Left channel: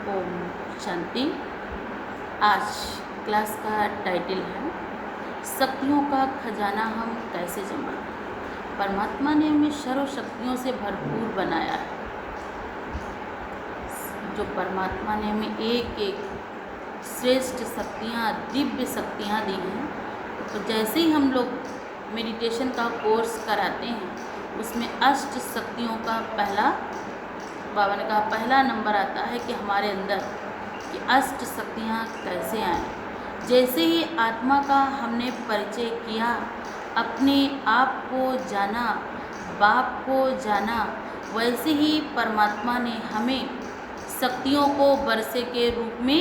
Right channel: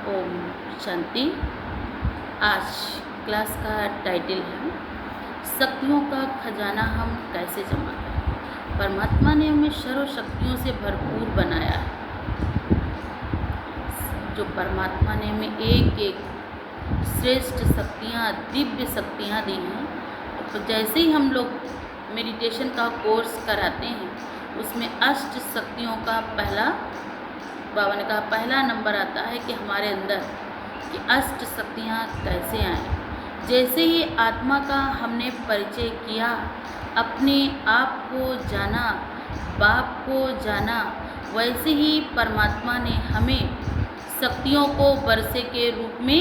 ओम शांति। आज क्लास का टाइटल है शक्तियों का खजाना हम कैसे जमा करें। परमात्मा ने हमें सर्व शक्तियों से भरपूर बनाया है। जो परमात्मा ने हमें एक एक श्रेष्ठ शक्तियाँ, दिव्य शक्तियाँ दी हैं। तो जैसे ही हम लोग मेडिटेशन का कोर्स कराते हैं, उसमें अष्ट शक्तियों का बाबा ने कहा पहला नंबर आता है कि हमारे अंदर कि अष्ट शक्तियाँ कैसे आएँ। जैसे ही आत्मा का हमने परिचय किया, अपने आप को जाना, बाप को जाना, वैसे ही परमात्मा ने हमें शक्तियों को वर्षे के रूप में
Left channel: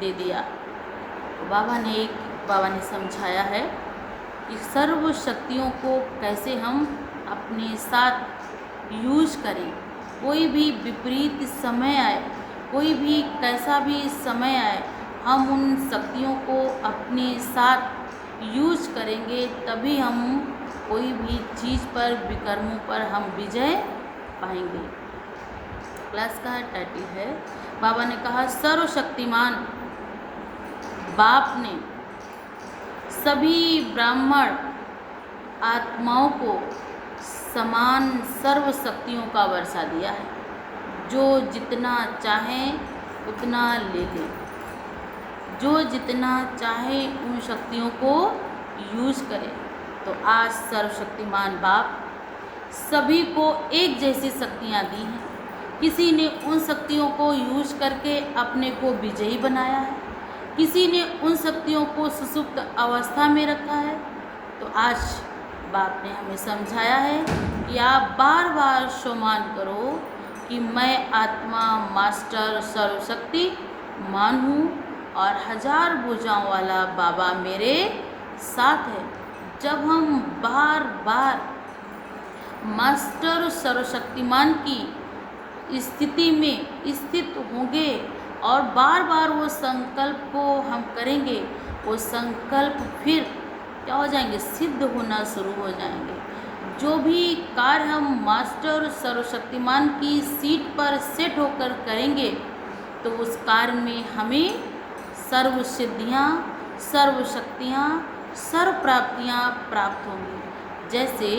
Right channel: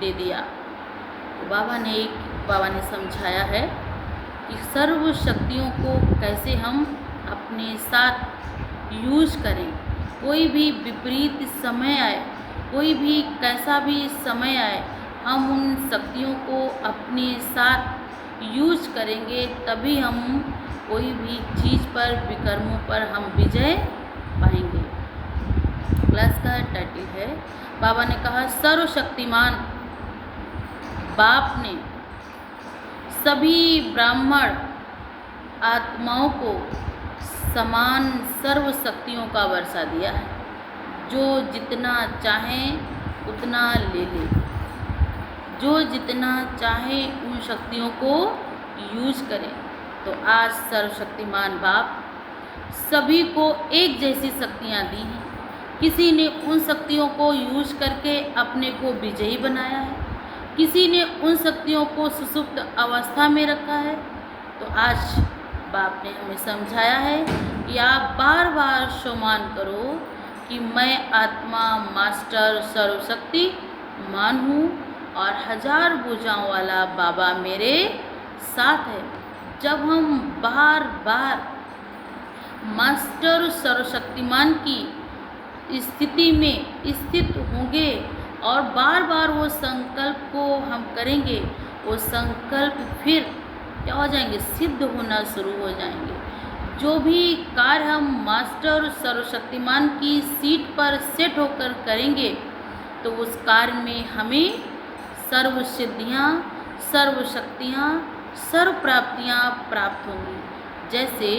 दे दिया। तो बाबा ने समझाया है कि सर्व शक्तियों को कैसे हम अपने साथ यूज करें। कोई भी विपरीत समय आए, कोई भी कैसा भी समय आए, हम उन शक्तियों को अपने साथ यूज करेंगे, तभी हम कोई भी चीज़ पर, विकर्मों पर हम विजय पाएंगे। क्लास का टाइटल है, बाबा ने कहा सर्वशक्तिमान बाप ने सभी ब्राह्मण आत्माओं को समान सर्व शक्तियों का वर्षा दिया है। जो जितना चाहें उतना ले ले, जो जितना चाहे उन शक्तियों को यूज करें। तो आज सर्वशक्तिमान बाप सभी को एक जैसी शक्तियाँ दी हैं। किसी ने उन शक्तियों को यूज करके अपने को विजयी बनाया है, किसी ने उन शक्तियों को सुसुप्त अवस्था में रखा है। तो आज बाप ने हमें समझाया है कि आप बार बार सुमान करो कि मैं आत्मा मास्टर सर्वशक्ति मान हूँ और 1000 भुजाओं वाला बाबा मेरे साथ है। जब हम बार बार मास्टर सर्वशक्तिमान की स्थिति में स्थित होंगे और बार बार वो संकल्प को हम करेंगे, वो संकल्प फिर क्या हो जाएंगे, सिद्ध होना शुरू हो जाएंगे। जो भी कार्य हम मास्टर सर्वशक्तिमान की सीट पर सेट होकर करेंगे, तो उस कार्य में हमें सर्व सिद्धियाँ, सर्व शक्तियाँ, सर्व प्राप्तियाँ प्राप्त होंगी। जैसे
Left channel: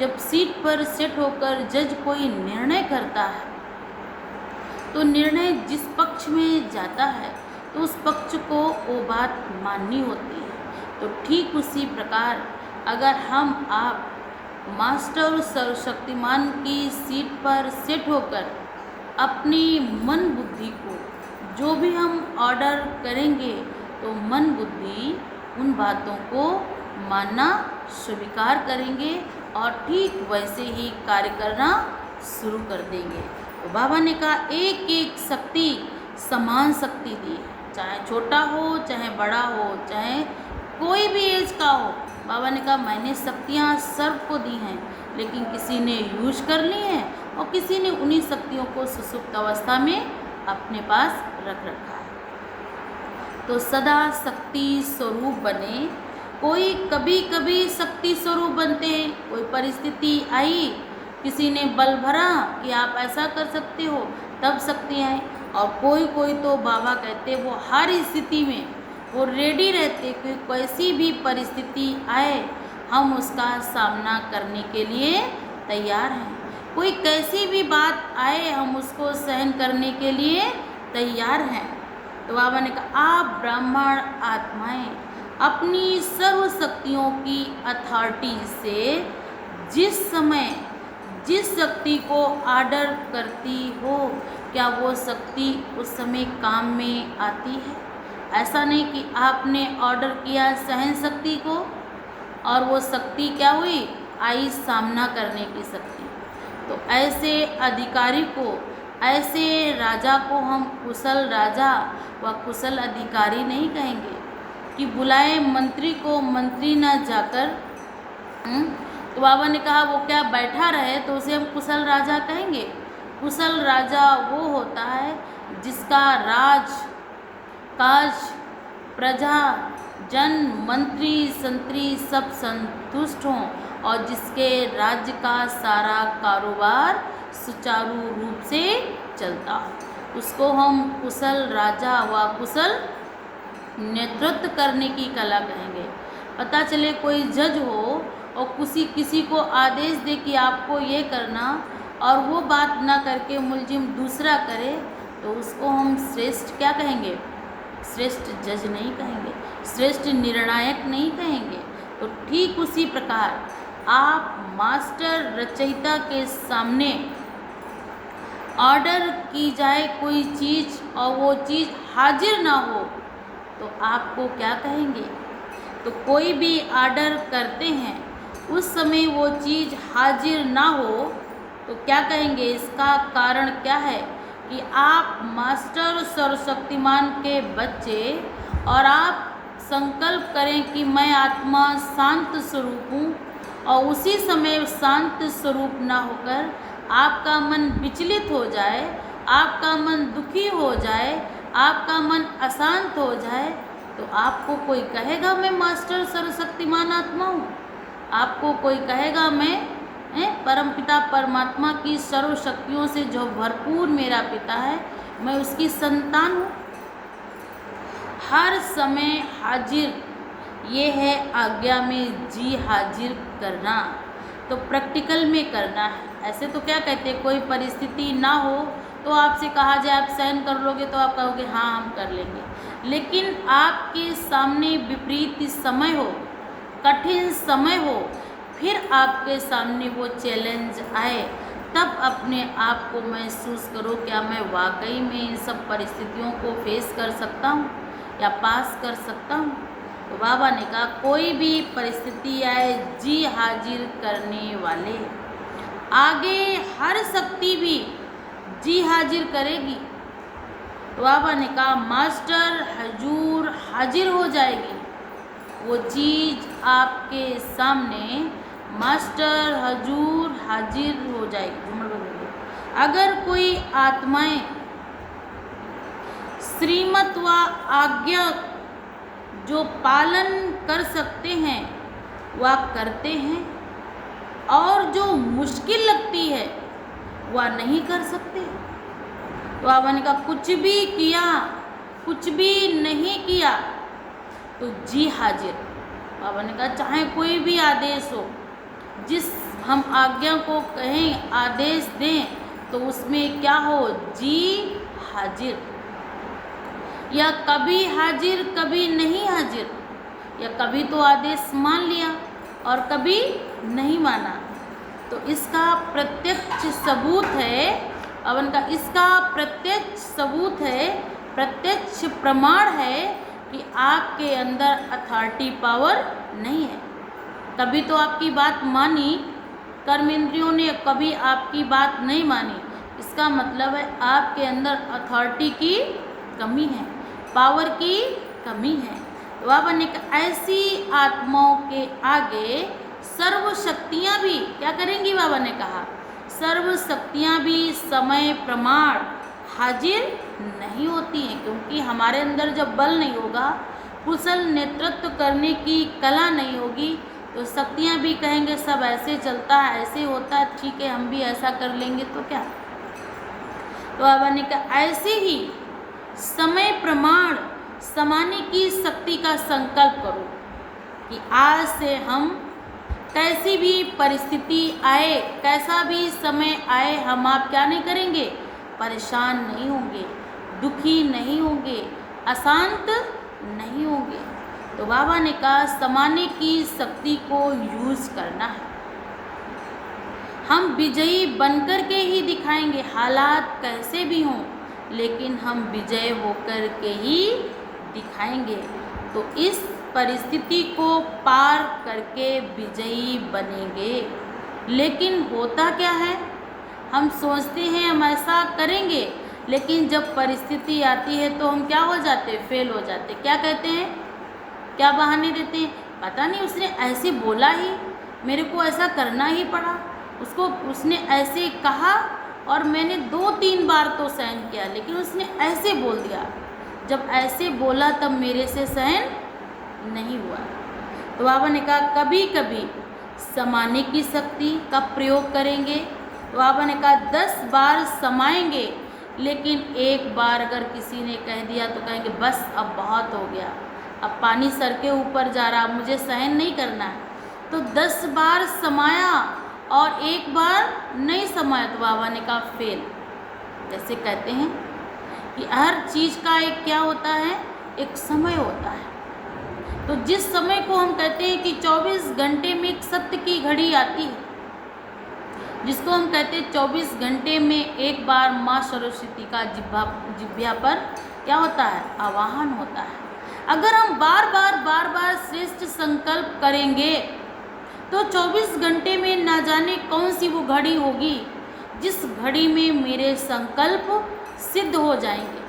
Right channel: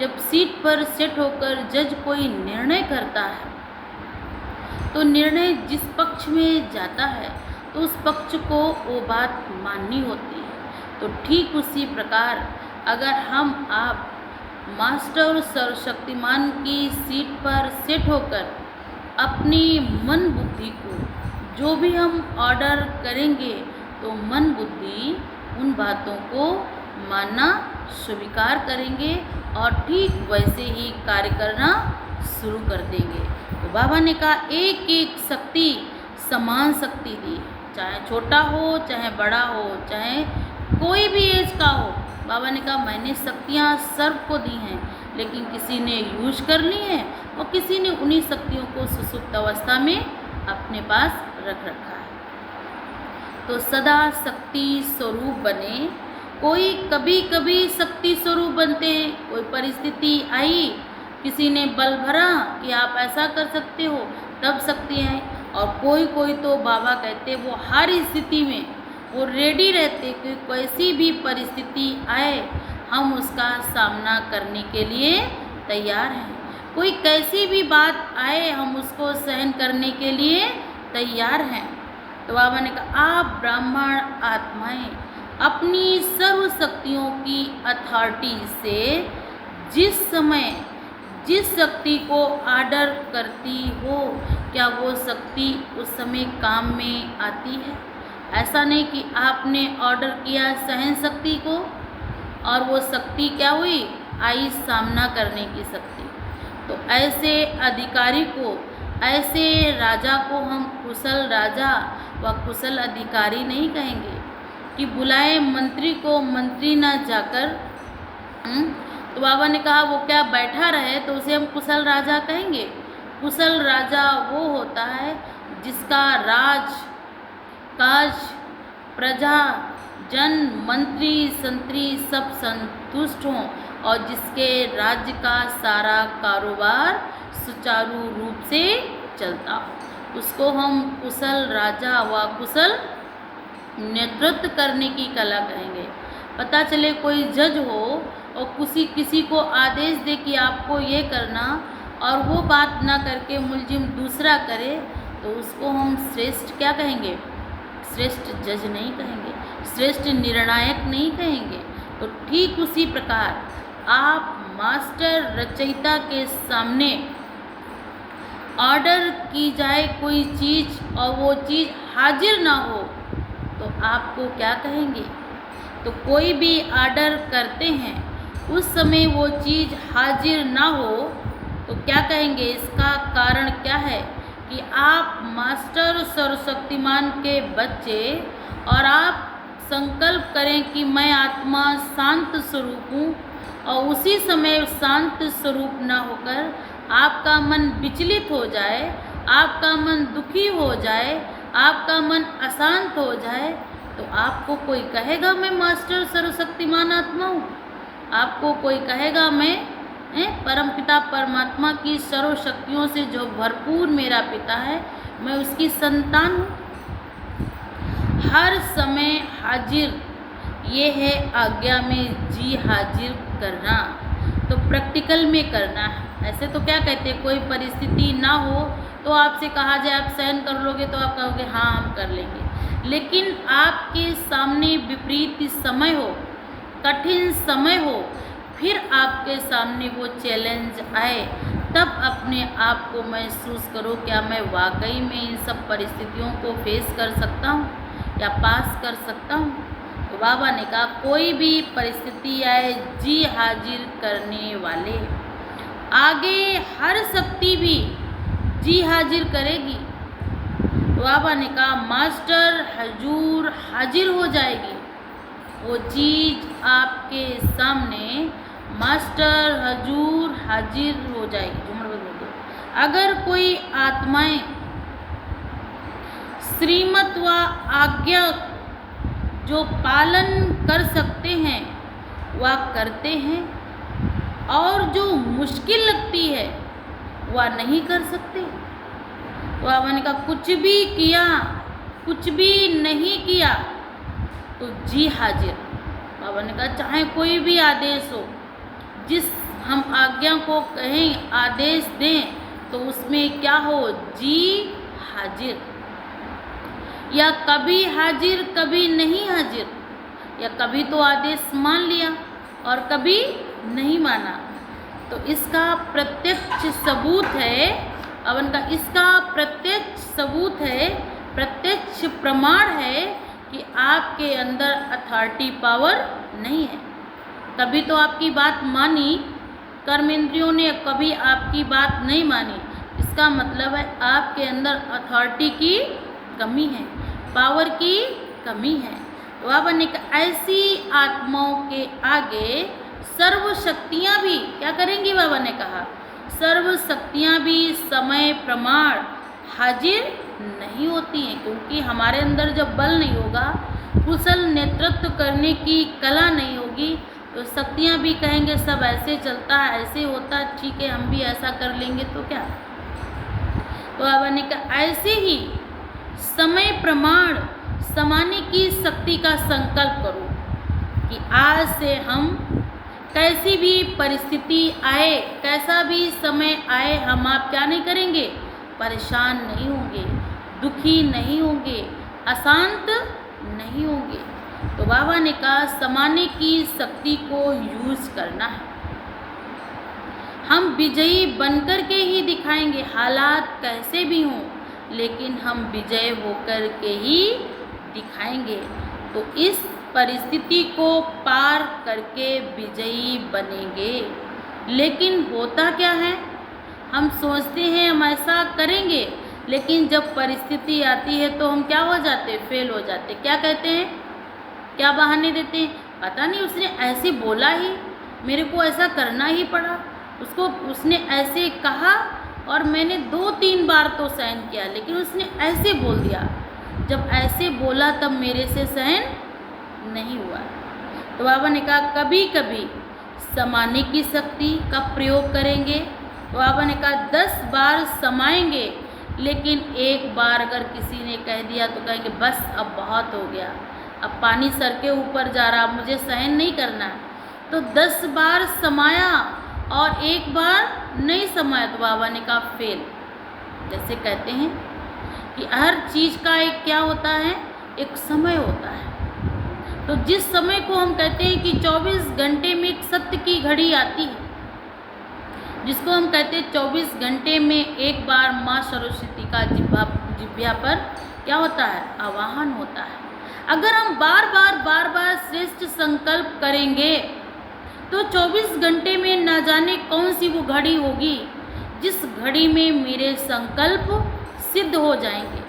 जब सीट पर सेट होकर जज कोई निर्णय करता है, तो निर्णय जिस पक्ष में जाता है तो उस पक्ष को वो बात माननी होती है। तो ठीक उसी प्रकार अगर हम आप मास्टर सर्वशक्तिमान की सीट पर सेट होकर अपनी मन बुद्धि को जो भी हम ऑर्डर करेंगे, तो मन बुद्धि उन बातों को मानना स्वीकार करेंगे और ठीक वैसे ही कार्य करना शुरू कर देंगे। तो बाबा ने कहा एक एक शक्ति समान शक्ति दी है, चाहे छोटा हो, चाहे बड़ा हो, चाहे कोई भी एज का हो। बाबा ने कहा मैंने शक्तियाँ सर्व को दी हैं, लेकिन किसी ने यूज कर ली हैं और किसी ने उन्हीं शक्तियों को सुसुप्त अवस्था में अपने पास रख रखा है। तो सदा शक्ति स्वरूप बने। कोई कभी कभी शक्ति स्वरूप बनते हैं, कोई परिस्थिति आई, किसी ने बल भरा कि आप ऐसा कर सकते हो, तब शक्ति आई। और कोई तो बाबा कहते वो हर स्थिति में वो रेडी रहते कि कैसी भी परिस्थिति आए हम उसका सामना करने के लिए तैयार हैं। कोई कैसी भी बात आए हम उसको सहन करने के लिए तैयार हैं। तो बाबा ने कहा आप ब्राह्मण आत्माएं अपनी सर्व शक्तियों की अथॉरिटी से जिस समय जिस शक्ति को ऑर्डर करती हो, क्या वो शक्ति उस समय काम में आती है? ऐसा नहीं कि आपने ऑर्डर किया सहन शक्ति को और वो शक्ति क्या हुई, आई सामना करने की शक्ति। तो ऐसे अधिकारी को, ऐसे राजा को हम कुशल राजा व कुशल अधिकारी नहीं कहेंगे कि बुलाए मंत्री को मंत्री ना जाकर। तो बाबा ने कहा वो क्या बैठा रहे तो उसे हम कुशल राजा कहेंगे? कुशल राजा वो होता है जिसका राज काज प्रजा जन मंत्री संतरी सब संतुष्ट हों और जिसके राज्य का सारा कारोबार सुचारू रूप से चलता हो। उसको हम कुशल राजा व कुशल नेतृत्व करने की कला कहेंगे। पता चले कोई जज हो और किसी को आदेश दे कि आपको ये करना, और वो बात ना करके मुलजिम दूसरा करे, तो उसको हम श्रेष्ठ क्या कहेंगे? श्रेष्ठ जज नहीं कहेंगे, श्रेष्ठ निर्णायक नहीं कहेंगे। तो ठीक उसी प्रकार आप मास्टर रचयिता के सामने ऑर्डर की जाए कोई चीज़ और वो चीज़ हाजिर ना हो, तो आपको क्या कहेंगे? तो कोई भी ऑर्डर करते हैं, उस समय वो चीज़ हाजिर ना हो, तो क्या कहेंगे? इसका कारण क्या है कि आप मास्टर सर्वशक्तिमान के बच्चे, और आप संकल्प करें कि मैं आत्मा शांत स्वरूप हूँ, और उसी समय शांत स्वरूप ना होकर आपका मन विचलित हो जाए, आपका मन दुखी हो जाए, आपका मन अशांत हो जाए, तो आपको कोई कहेगा मैं मास्टर सर्वशक्तिमान आत्मा हूँ? आपको कोई कहेगा मैं परमपिता परमात्मा की सर्व शक्तियों से जो भरपूर मेरा पिता है, मैं उसकी संतान हूँ? हर समय हाजिर, ये है आज्ञा में जी हाजिर करना। तो प्रैक्टिकल में करना है। ऐसे तो क्या कहते हैं, कोई परिस्थिति ना हो तो आपसे कहा जाए आप सहन कर लोगे, तो आप कहोगे हाँ हम कर लेंगे। लेकिन आपके सामने विपरीत समय हो, कठिन समय हो, फिर आपके सामने वो चैलेंज आए, तब अपने आप को महसूस करो, क्या मैं वाकई में इन सब परिस्थितियों को फेस कर सकता हूँ या पास कर सकता हूँ? तो बाबा ने कहा कोई भी परिस्थिति आए, जी हाजिर करने वाले, आगे हर शक्ति भी जी हाजिर करेगी। तो बाबा ने कहा मास्टर हजूर हाजिर हो जाएगी, वो चीज़ आपके सामने मास्टर हजूर हाजिर हो जाएगी। झूमर बदल दो। अगर कोई आत्माएं श्रीमत व आज्ञा जो पालन कर सकते हैं वह करते हैं, और जो मुश्किल लगती है वह नहीं कर सकते। तो बाबा ने कहा कुछ भी किया, कुछ भी नहीं किया तो जी हाजिर। बाबा ने कहा चाहे कोई भी आदेश हो, जिस हम आज्ञा को कहें, आदेश दें, तो उसमें क्या हो? जी हाजिर। या कभी हाजिर कभी नहीं हाजिर, या कभी तो आदेश मान लिया और कभी नहीं माना। तो इसका प्रत्यक्ष सबूत है, अवन का इसका प्रत्यक्ष सबूत है, प्रत्यक्ष प्रमाण है कि आपके अंदर अथॉरिटी पावर नहीं है। कभी तो आपकी बात मानी, कर्म इंद्रियों ने कभी आपकी बात नहीं मानी, इसका मतलब है आपके अंदर अथॉरिटी की कमी है, पावर की कमी है। तो बाबा ने कहा ऐसी आत्माओं के आगे सर्व शक्तियाँ भी क्या करेंगी? बाबा ने कहा सर्व शक्तियाँ भी समय प्रमाण हाजिर नहीं होती हैं, क्योंकि हमारे अंदर जब बल नहीं होगा, कुशल नेतृत्व करने की कला नहीं होगी, तो शक्तियाँ भी कहेंगे सब ऐसे चलता है, ऐसे होता है, ठीक है हम भी ऐसा कर लेंगे तो क्या। तो बाबा ने कहा ऐसे ही समय प्रमाण समाने की शक्ति का संकल्प करो कि आज से हम कैसी भी परिस्थिति आए, कैसा भी समय आए, हम आप क्या नहीं करेंगे? परेशान नहीं होंगे, दुखी नहीं होंगे, अशांत नहीं होंगे। तो बाबा ने कहा समाने की शक्ति को यूज करना है। हम विजयी बनकर के ही दिखाएंगे, हालात कैसे भी हों, लेकिन हम विजय होकर के ही दिखाएंगे। तो इस परिस्थिति को पार करके विजयी बनेंगे। लेकिन होता क्या है, हम सोचते हैं हम ऐसा करेंगे, लेकिन जब परिस्थिति आती है तो हम क्या हो जाते? फेल हो जाते। क्या कहते हैं, क्या बहाने देते हैं? पता नहीं उसने ऐसे बोला ही, मेरे को ऐसा करना ही पड़ा, उसने ऐसे कहा और मैंने 2-3 बार तो सहन किया, लेकिन उसने ऐसे बोल दिया, जब ऐसे बोला तब मेरे से सहन नहीं हुआ। तो बाबा ने कहा कभी कभी समाने की शक्ति का प्रयोग करेंगे। तो बाबा ने कहा 10 बार समाएंगे, लेकिन एक बार अगर किसी ने कह दिया तो कहेंगे बस अब बहुत हो गया, अब पानी सर के ऊपर जा रहा, मुझे सहन नहीं करना है। तो 10 बार समाया और एक बार नहीं समाया तो बाबा ने कहा फेल। जैसे कहते हैं कि हर चीज़ का एक क्या होता है, एक समय होता है। तो जिस समय को हम कहते हैं कि 24 घंटे में एक सत्य की घड़ी आती है, जिसको हम कहते हैं 24 घंटे में एक बार माँ सरस्वती का जिह्वा पर क्या होता है, आवाहन होता है। अगर हम बार बार श्रेष्ठ संकल्प करेंगे तो 24 घंटे में ना जाने कौन सी वो घड़ी होगी जिस घड़ी में मेरे संकल्प सिद्ध हो जाएंगे।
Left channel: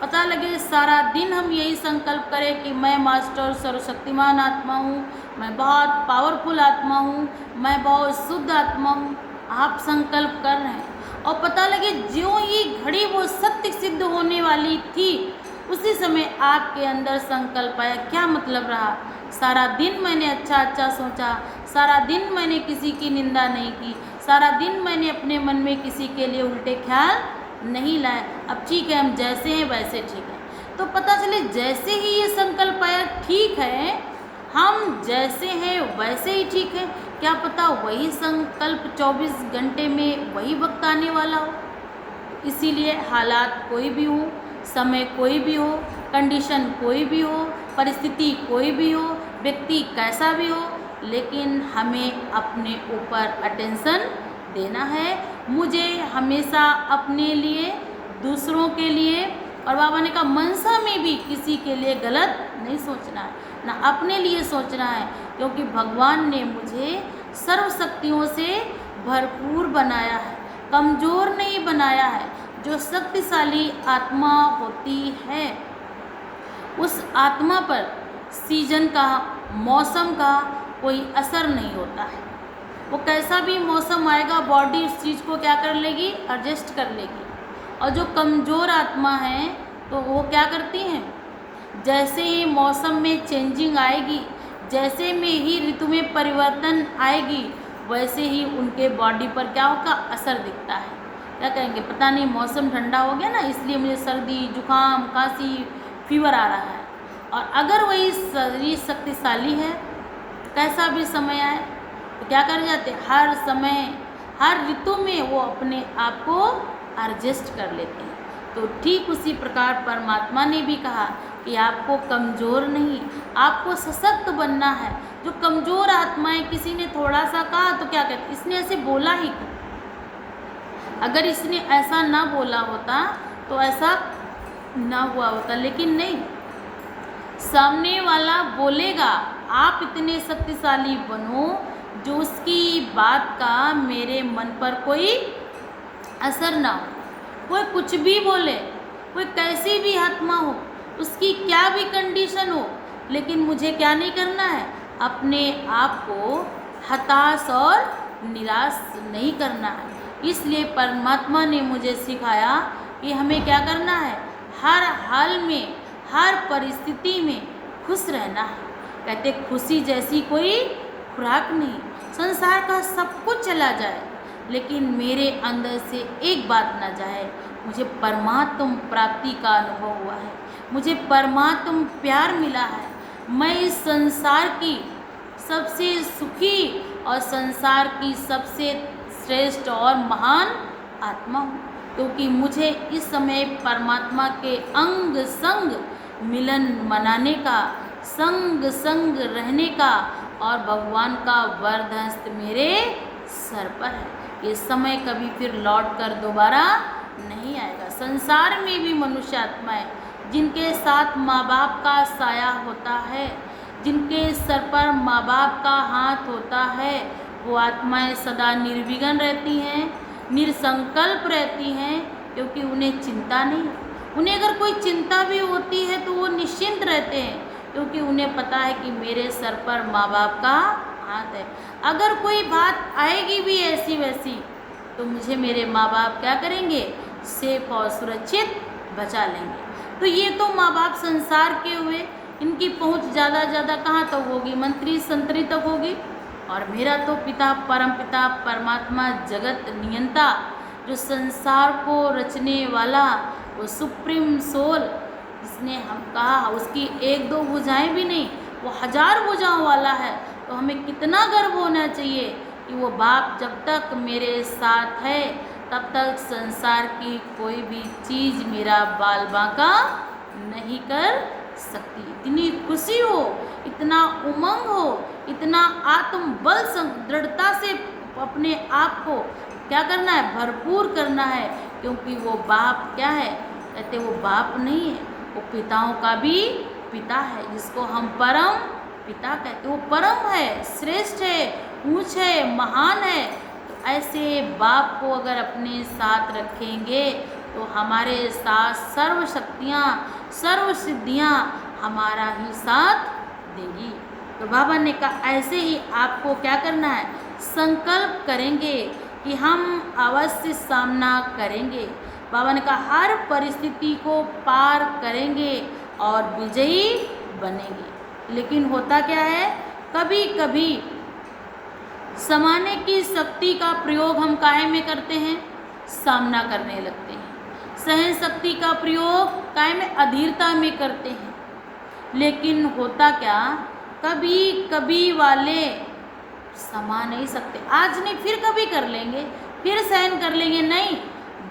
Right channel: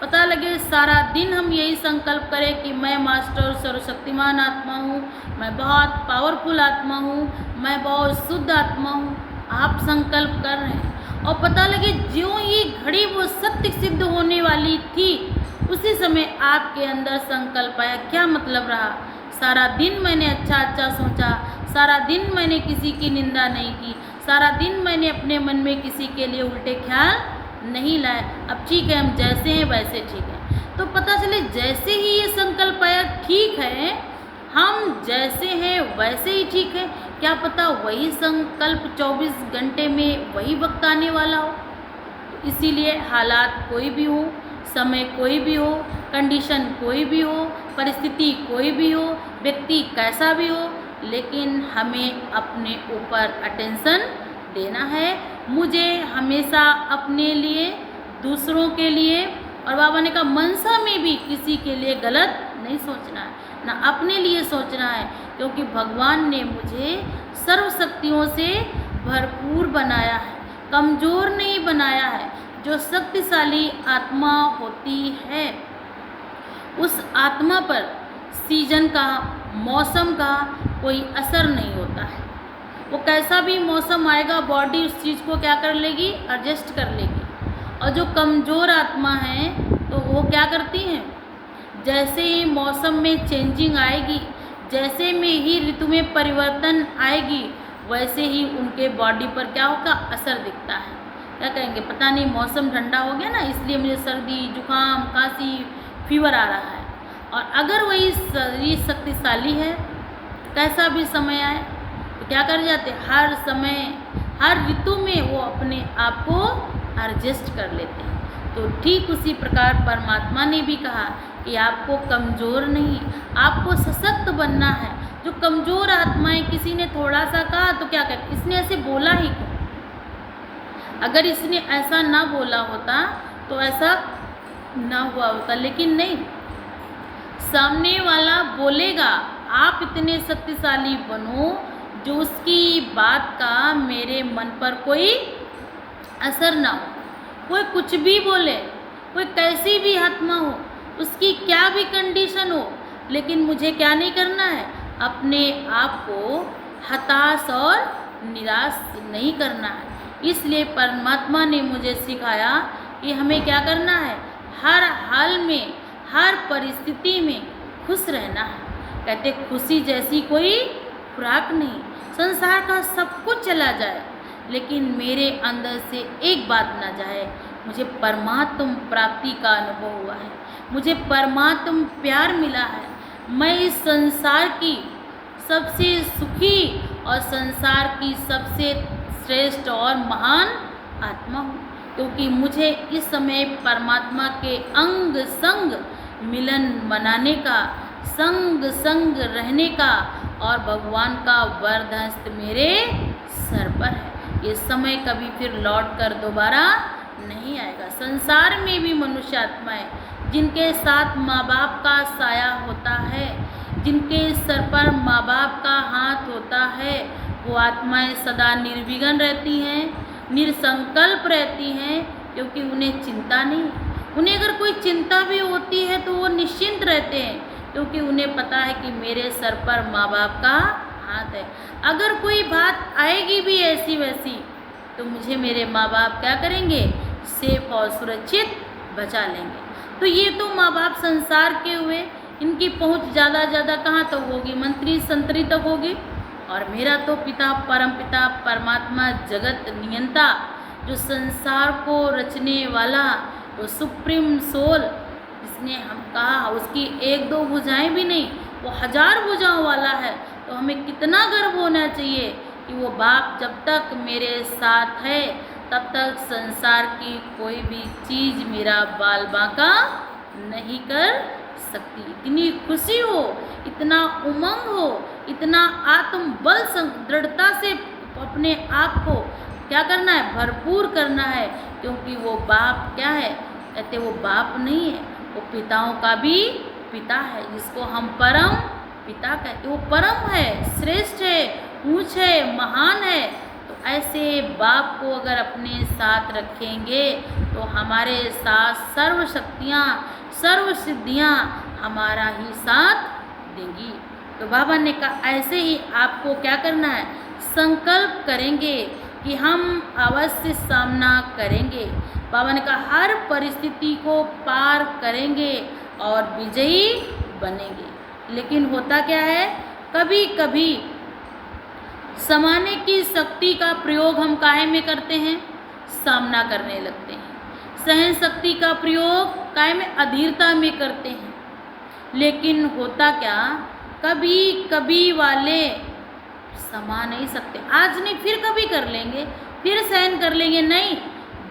पता लगे सारा दिन हम यही संकल्प करें कि मैं मास्टर सर्वशक्तिमान आत्मा हूँ, मैं बहुत पावरफुल आत्मा हूँ, मैं बहुत शुद्ध आत्मा हूँ। आप संकल्प कर रहे हैं और पता लगे ज्यों ही घड़ी वो सत्य सिद्ध होने वाली थी उसी समय आपके अंदर संकल्प आया। क्या मतलब रहा, सारा दिन मैंने अच्छा सोचा, सारा दिन मैंने किसी की निंदा नहीं की, सारा दिन मैंने अपने मन में किसी के लिए उल्टे ख्याल नहीं लाए, अब ठीक है हम जैसे हैं वैसे ठीक है। तो पता चले जैसे ही ये संकल्प आया ठीक है, हम जैसे हैं वैसे ही ठीक है। क्या पता वही संकल्प 24 घंटे में वही वक्त आने वाला हो। इसीलिए हालात कोई भी हो, समय कोई भी हो, कंडीशन कोई भी हो, परिस्थिति कोई भी हो, व्यक्ति कैसा भी हो, लेकिन हमें अपने ऊपर अटेंशन देना है। मुझे हमेशा अपने लिए, दूसरों के लिए, और बाबा ने कहा मनसा में भी किसी के लिए गलत नहीं सोचना है, ना अपने लिए सोचना है, क्योंकि भगवान ने मुझे सर्व शक्तियों से भरपूर बनाया है, कमज़ोर नहीं बनाया है। जो शक्तिशाली आत्मा होती है उस आत्मा पर सीजन का, मौसम का कोई असर नहीं होता है। वो कैसा भी मौसम आएगा बॉडी उस चीज़ को क्या कर लेगी, एडजस्ट कर लेगी। और जो कमज़ोर आत्मा है तो वो क्या करती हैं, जैसे ही मौसम में चेंजिंग आएगी, जैसे में ही ऋतु में परिवर्तन आएगी, वैसे ही उनके बॉडी पर क्या होगा, असर दिखता है। क्या कहेंगे, पता नहीं मौसम ठंडा हो गया ना इसलिए मुझे सर्दी, जुकाम, खांसी, फीवर आ रहा है। और अगर वही शरीर शक्तिशाली है तो कैसा भी समय आए तो क्या कर जाते, हर समय हर ऋतु में वो अपने आप को एडजस्ट कर लेते हैं। तो ठीक उसी प्रकार परमात्मा ने भी कहा कि आपको कमज़ोर नहीं, आपको सशक्त बनना है। जो कमज़ोर आत्माएं, किसी ने थोड़ा सा कहा तो क्या कहते, इसने ऐसे बोला ही क्यों। अगर इसने ऐसा ना बोला होता तो ऐसा ना हुआ होता, लेकिन नहीं, सामने वाला बोलेगा आप इतने शक्तिशाली बनो जो उसकी बात का मेरे मन पर कोई असर ना हो। कोई कुछ भी बोले, कोई कैसी भी आत्मा हो, उसकी क्या भी कंडीशन हो, लेकिन मुझे क्या नहीं करना है, अपने आप को हताश और निराश नहीं करना है। इसलिए परमात्मा ने मुझे सिखाया कि हमें क्या करना है, हर हाल में, हर परिस्थिति में खुश रहना है। कहते खुशी जैसी कोई खुराक नहीं, संसार का सब कुछ चला जाए लेकिन मेरे अंदर से एक बात ना जाए, मुझे परमात्म प्राप्ति का अनुभव हुआ है, मुझे परमात्म प्यार मिला है, मैं इस संसार की सबसे सुखी और संसार की सबसे श्रेष्ठ और महान आत्मा हूँ, क्योंकि मुझे इस समय परमात्मा के अंग संग मिलन मनाने का, संग संग रहने का और भगवान का वरदहस्त मेरे सर पर है। ये समय कभी फिर लौट कर दोबारा नहीं आएगा। संसार में भी मनुष्य आत्माएं जिनके साथ माँ बाप का साया होता है, जिनके सर पर माँ बाप का हाथ होता है, वो आत्माएं सदा निर्विघ्न रहती हैं, निरसंकल्प रहती हैं, क्योंकि उन्हें चिंता नहीं। उन्हें अगर कोई चिंता भी होती है तो वो निश्चिंत रहते हैं, क्योंकि उन्हें पता है कि मेरे सर पर माँ बाप का हाथ है। अगर कोई बात आएगी भी ऐसी वैसी तो मुझे मेरे माँ बाप क्या करेंगे, सेफ और सुरक्षित बचा लेंगे। तो ये तो माँ बाप संसार के हुए, इनकी पहुँच ज़्यादा कहाँ तक होगी, मंत्री संतरी तक होगी। और मेरा तो पिता, परम पिता, परमात्मा, जगत नियंता, जो संसार को रचने वाला, वो सुप्रीम सोल, जिसने हम कहा उसकी एक दो भुजाएं भी नहीं, वो 1000 भुजाओं वाला है। तो हमें कितना गर्व होना चाहिए कि वो बाप जब तक मेरे साथ है तब तक संसार की कोई भी चीज़ मेरा बाल बांका नहीं कर सकती। इतनी खुशी हो, इतना उमंग हो, इतना आत्मबल दृढ़ता से अपने आप को क्या करना है, भरपूर करना है। क्योंकि वो बाप क्या है, कहते वो बाप नहीं है, वो पिताओं का भी पिता है, जिसको हम परम पिता कहते। वो परम है, श्रेष्ठ है, ऊंच है, महान है। तो ऐसे बाप को अगर अपने साथ रखेंगे तो हमारे साथ सर्व शक्तियाँ, सर्व सिद्धियाँ हमारा ही साथ देंगी। तो बाबा ने कहा ऐसे ही आपको क्या करना है, संकल्प करेंगे कि हम अवश्य सामना करेंगे। बाबा ने कहा हर परिस्थिति को पार करेंगे और विजयी बनेंगे। लेकिन होता क्या है, कभी कभी समाने की शक्ति का प्रयोग हम काहे में करते हैं, सामना करने लगते हैं। सहन शक्ति का प्रयोग काहे में, अधीरता में करते हैं। लेकिन होता क्या, कभी कभी वाले समा नहीं सकते। आज नहीं, फिर कभी कर लेंगे, फिर सहन कर लेंगे, नहीं।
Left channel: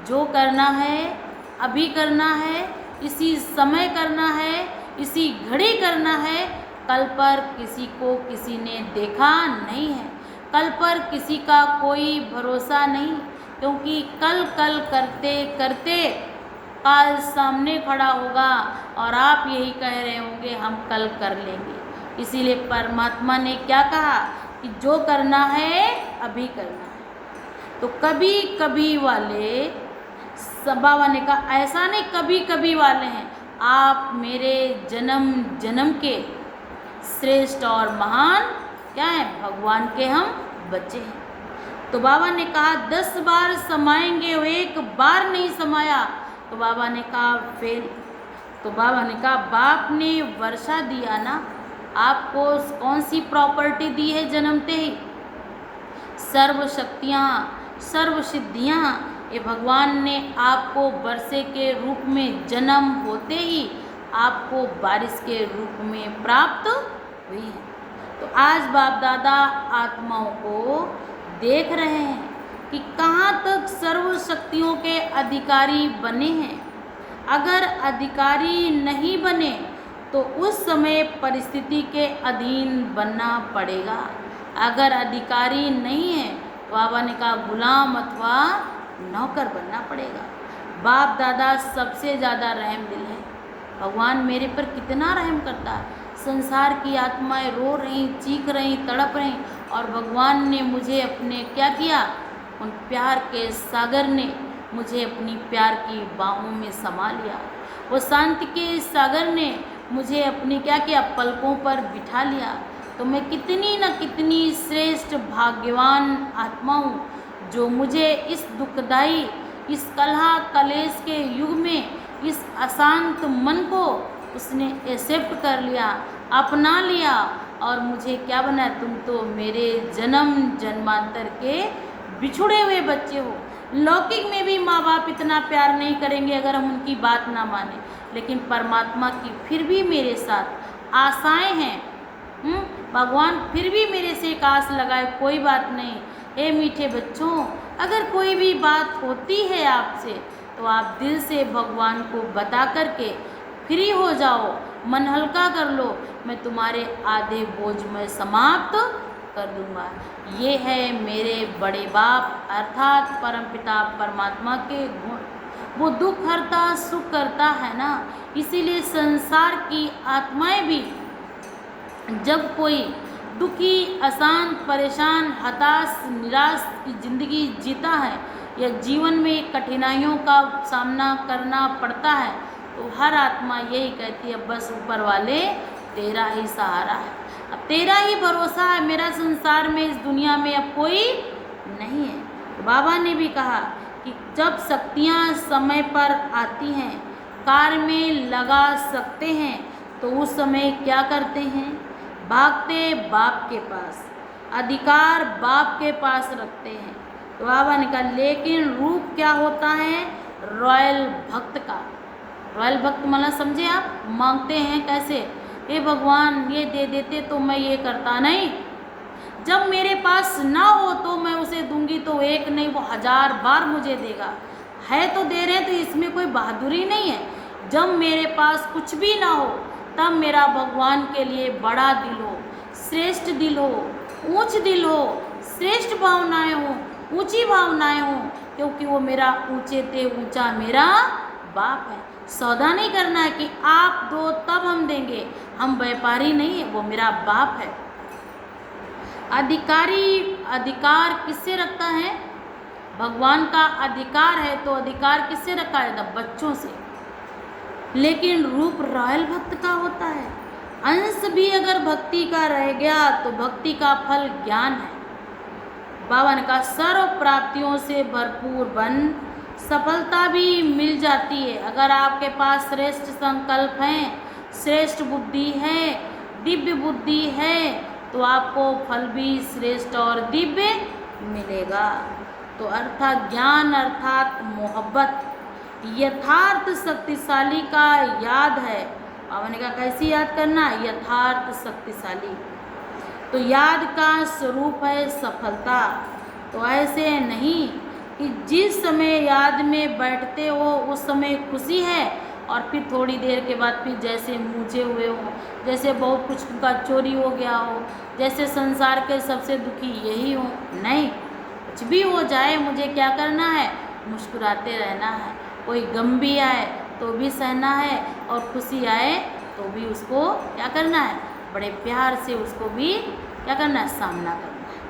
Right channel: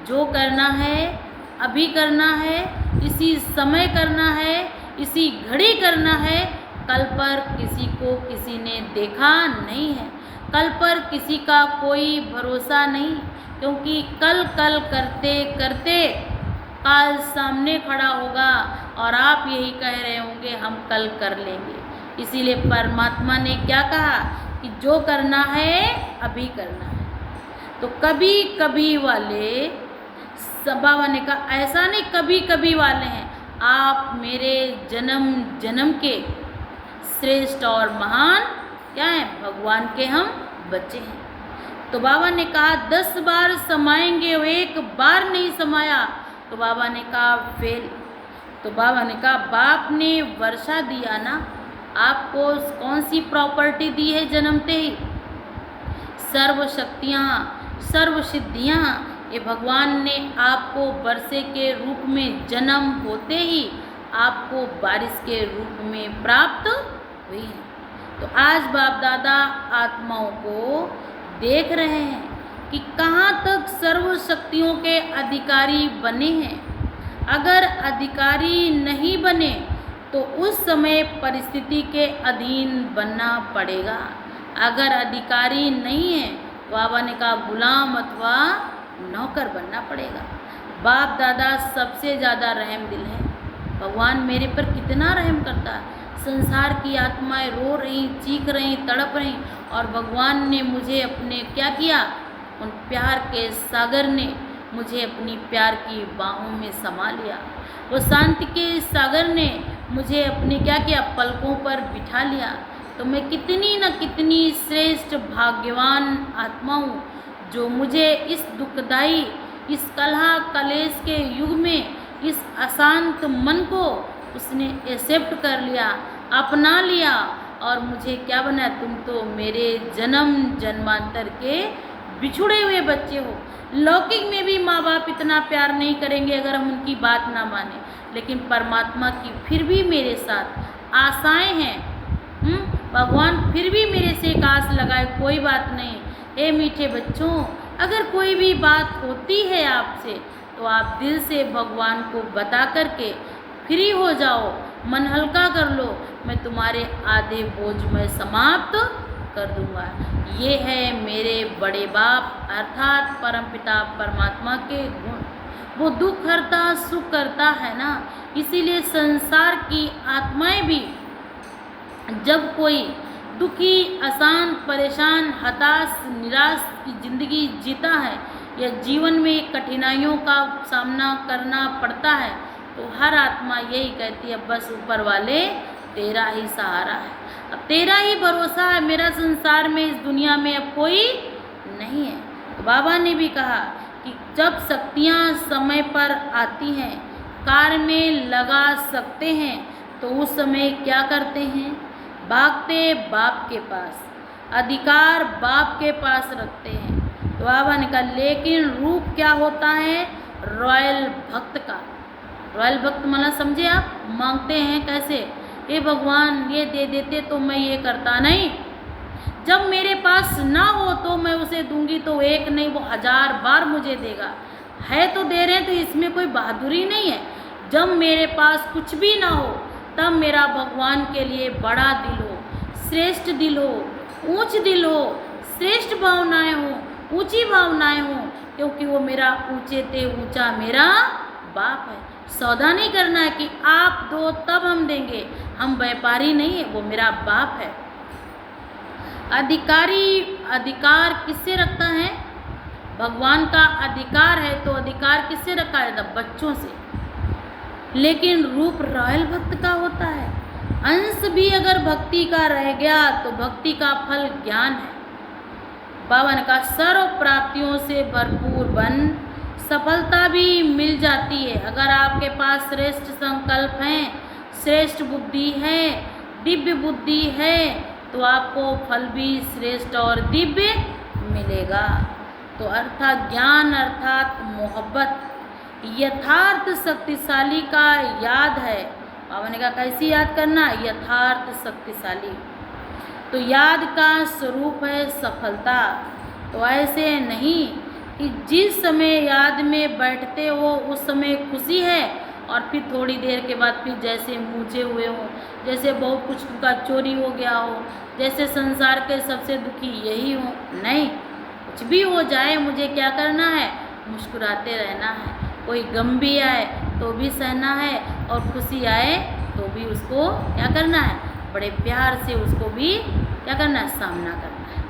जो करना है अभी करना है, इसी समय करना है, इसी घड़ी करना है। कल पर किसी को किसी ने देखा नहीं है, कल पर किसी का कोई भरोसा नहीं। क्योंकि कल कल करते करते काल सामने खड़ा होगा और आप यही कह रहे होंगे हम कल कर लेंगे। इसीलिए परमात्मा ने क्या कहा कि जो करना है अभी करना है। तो कभी कभी वाले, बाबा ने कहा ऐसा नहीं कभी कभी वाले हैं, आप मेरे जन्म जन्म के श्रेष्ठ और महान क्या हैं, भगवान के हम बच्चे हैं। तो बाबा ने कहा 10 बार समाएंगे, वो एक बार नहीं समाया। तो बाबा ने कहा फेल। तो बाबा ने कहा बाप ने वर्षा दिया ना, आपको कौन सी प्रॉपर्टी दी है जन्मते ही, सर्व शक्तियाँ, सर्व सिद्धियाँ, ये भगवान ने आपको वर्षे के रूप में जन्म होते ही आपको बारिश के रूप में प्राप्त हुई है। तो आज बाप दादा आत्माओं को देख रहे हैं कि कहाँ तक सर्व शक्तियों के अधिकारी बने हैं। अगर अधिकारी नहीं बने तो उस समय परिस्थिति के अधीन बनना पड़ेगा। अगर अधिकारी नहीं है, बाबा ने कहा गुलाम अथवा नौकर बनना पड़ेगा। बाप दादा सबसे ज़्यादा रहम दिल है। भगवान मेरे पर कितना रहम करता है। संसार की आत्माएं रो रही, चीख रही, तड़प रही, और भगवान ने मुझे अपने क्या किया, उन प्यार के सागर ने मुझे अपनी प्यार की बाहों में समा लिया। वो शांति के सागर ने मुझे अपने क्या किया, पलकों पर बिठा लिया। तो मैं कितनी न कितनी श्रेष्ठ भाग्यवान आत्मा हूँ जो मुझे इस दुखदाई, इस कलह कलेश के युग में इस अशांत मन को उसने एक्सेप्ट कर लिया, अपना लिया, और मुझे क्या बनाया, तुम तो मेरे जन्म जन्मांतर के बिछुड़े हुए बच्चे हो। लौकिक में भी माँ बाप इतना प्यार नहीं करेंगे अगर हम उनकी बात ना माने, लेकिन परमात्मा की फिर भी मेरे साथ आशाएं हैं। भगवान फिर भी मेरे से एक आस लगाए, कोई बात नहीं। ए मीठे बच्चों, अगर कोई भी बात होती है आपसे तो आप दिल से भगवान को बता करके फ्री हो जाओ, मन हल्का कर लो। मैं तुम्हारे आधे बोझ में समाप्त कर दूंगा। ये है मेरे बड़े बाप अर्थात परमपिता परमात्मा के गुण। वो दुख हरता सुख करता है ना, इसीलिए संसार की आत्माएं भी जब कोई दुखी, अशांत, परेशान, हताश, निराश की ज़िंदगी जीता है या जीवन में कठिनाइयों का सामना करना पड़ता है, तो हर आत्मा यही कहती है बस ऊपर वाले तेरा ही सहारा है, अब तेरा ही भरोसा है, मेरा संसार में, इस दुनिया में अब कोई नहीं है। तो बाबा ने भी कहा कि जब शक्तियाँ समय पर आती हैं, कार्य में लगा सकते हैं, तो उस समय क्या करते हैं, भागते बाप के पास, अधिकार बाप के पास रखते हैं। तो बाबा ने कहा लेकिन रूप क्या होता है रॉयल भक्त का। रॉयल भक्त मतलब समझे आप, मांगते हैं कैसे, हे भगवान ये दे देते तो मैं ये करता नहीं, जब मेरे पास ना हो तो मैं उसे दूंगी तो एक नहीं वो 1000 बार मुझे देगा। है तो दे रहे हैं तो इसमें कोई बहादुरी नहीं है। जब मेरे पास कुछ भी ना हो तब मेरा भगवान के लिए बड़ा दिल हो, श्रेष्ठ दिल हो, ऊंच दिल हो, श्रेष्ठ भावनाएं हो, ऊंची भावनाएं हो, क्योंकि वो मेरा ऊंचे ते ऊंचा मेरा बाप है। सौदा नहीं करना है कि आप दो तब हम देंगे, हम व्यापारी नहीं है, वो मेरा बाप है। अधिकार किससे रखता है, भगवान का अधिकार है तो अधिकार किससे रखा जाता, बच्चों से। लेकिन रूप रॉयल भक्त का होता है। अंश भी अगर भक्ति का रह गया तो भक्ति का फल ज्ञान है। बाबा ने कहा सर्व प्राप्तियों से भरपूर बन, सफलता भी मिल जाती है। अगर आपके पास श्रेष्ठ संकल्प हैं, श्रेष्ठ बुद्धि है, दिव्य बुद्धि है, तो आपको फल भी श्रेष्ठ और दिव्य मिलेगा। तो अर्थात ज्ञान अर्थात मोहब्बत यथार्थ शक्तिशाली का याद है। बाबा ने कहा कैसी याद करना, यथार्थ शक्तिशाली। तो याद का स्वरूप है सफलता। तो ऐसे नहीं कि जिस समय याद में बैठते हो उस समय खुशी है और फिर थोड़ी देर के बाद फिर जैसे मूझे हुए हो, जैसे बहुत कुछ का चोरी हो गया हो, जैसे संसार के सबसे दुखी यही हो। नहीं, कुछ भी हो जाए मुझे क्या करना है, मुस्कुराते रहना है। कोई गम भी आए तो भी सहना है और खुशी आए तो भी उसको क्या करना है, बड़े प्यार से उसको भी क्या करना है, सामना करना है।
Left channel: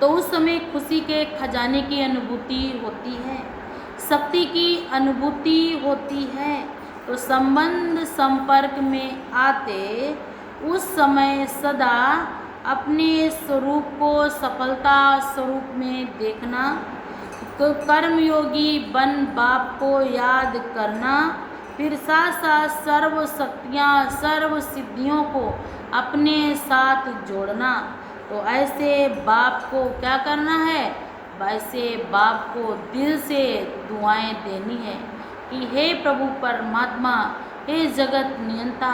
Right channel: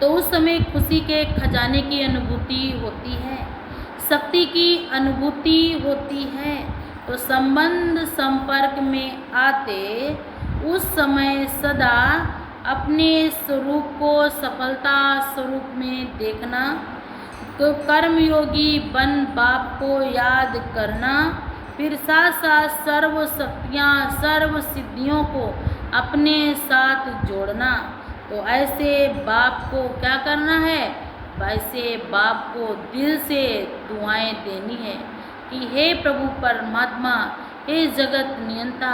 तो उस समय खुशी के खजाने की अनुभूति होती है, शक्ति की अनुभूति होती है। तो संबंध संपर्क में आते उस समय सदा अपने स्वरूप को सफलता स्वरूप में देखना, तो कर्मयोगी बन बाप को याद करना, फिर साथ साथ सर्व शक्तियाँ सर्व सिद्धियों को अपने साथ जोड़ना। तो ऐसे बाप को क्या करना है, वैसे बाप को दिल से दुआएं देनी है कि हे प्रभु परमात्मा, हे जगत नियंता,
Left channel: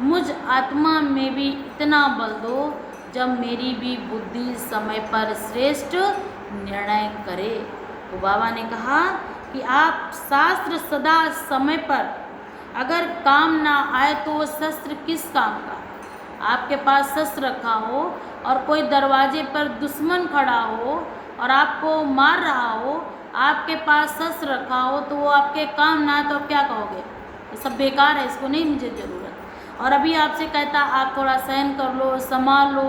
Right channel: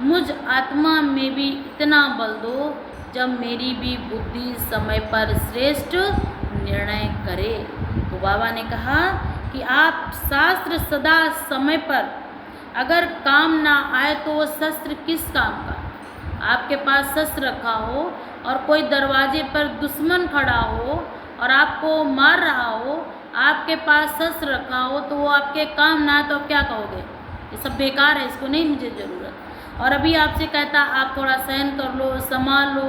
मुझ आत्मा में भी इतना बल दो जब मेरी भी बुद्धि समय पर श्रेष्ठ निर्णय करे। तो बाबा ने कहा कि आप शास्त्र सदा समय पर अगर काम ना आए तो शस्त्र किस काम का। आपके पास शस्त्र रखा हो और कोई दरवाजे पर दुश्मन खड़ा हो और आपको मार रहा हो, आपके पास शस्त्र रखा हो तो वो आपके काम ना आए तो आप क्या कहोगे, ये सब बेकार है, इसको नहीं मुझे ज़रूरत। और अभी आपसे कहता आप थोड़ा सहन कर लो, संभाल लो,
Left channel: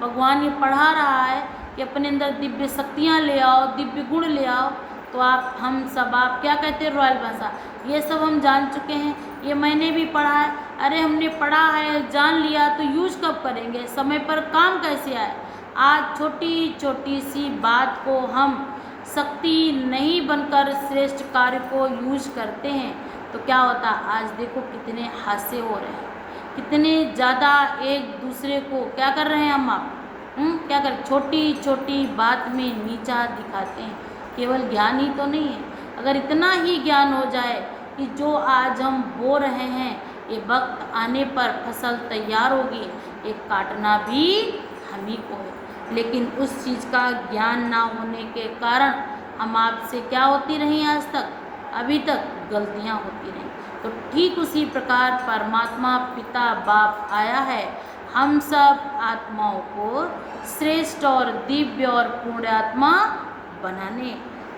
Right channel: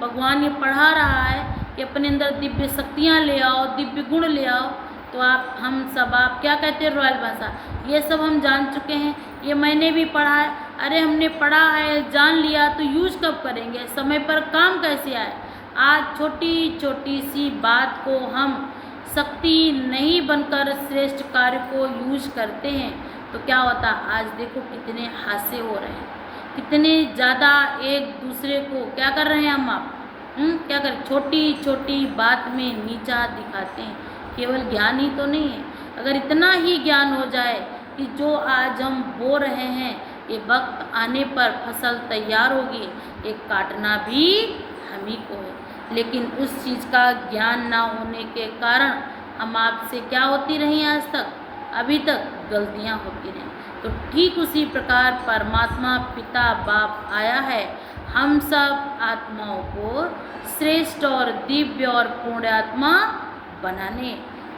भगवान ये पढ़ा रहा है कि अपने अंदर दिव्य शक्तियाँ ले आओ, दिव्य गुण ले आओ, तो हम सब आप क्या कहते हैं रॉयल भाषा, ये सब हम जान चुके हैं, ये मैंने भी पढ़ा है। अरे हमने पढ़ा है, जान लिया, तो यूज कब करेंगे, समय पर काम कैसे आए। आज छोटी छोटी सी बात को हम शक्ति नहीं बनकर श्रेष्ठ कार्य को यूज करते हैं तो क्या होता, आज देखो कितने हादसे हो रहे हैं, कितने ज़्यादा एक दूसरे को क्या कर रहे हैं हम आप क्या करें, छोटी छोटी बात में नीचा दिखाते हैं। केवल ज्ञान ही तो नहीं है, अगर इतना ही ज्ञान हो जाए कि जो आज हम बो रहे हैं ये वक्त आने पर फसल तैयार होगी, ये काटना भी हम ही को है। लेकिन उस चीज़ का ज्ञान ना होने के कारण हम आपसे क्या होती रही आज तक, अभी तक गलतियां होती रहीं। तो ठीक उसी प्रकार परमात्मा पिता बाप आया है हम सब आत्माओं को श्रेष्ठ और दिव्य और पूर्ण आत्मा बनाने।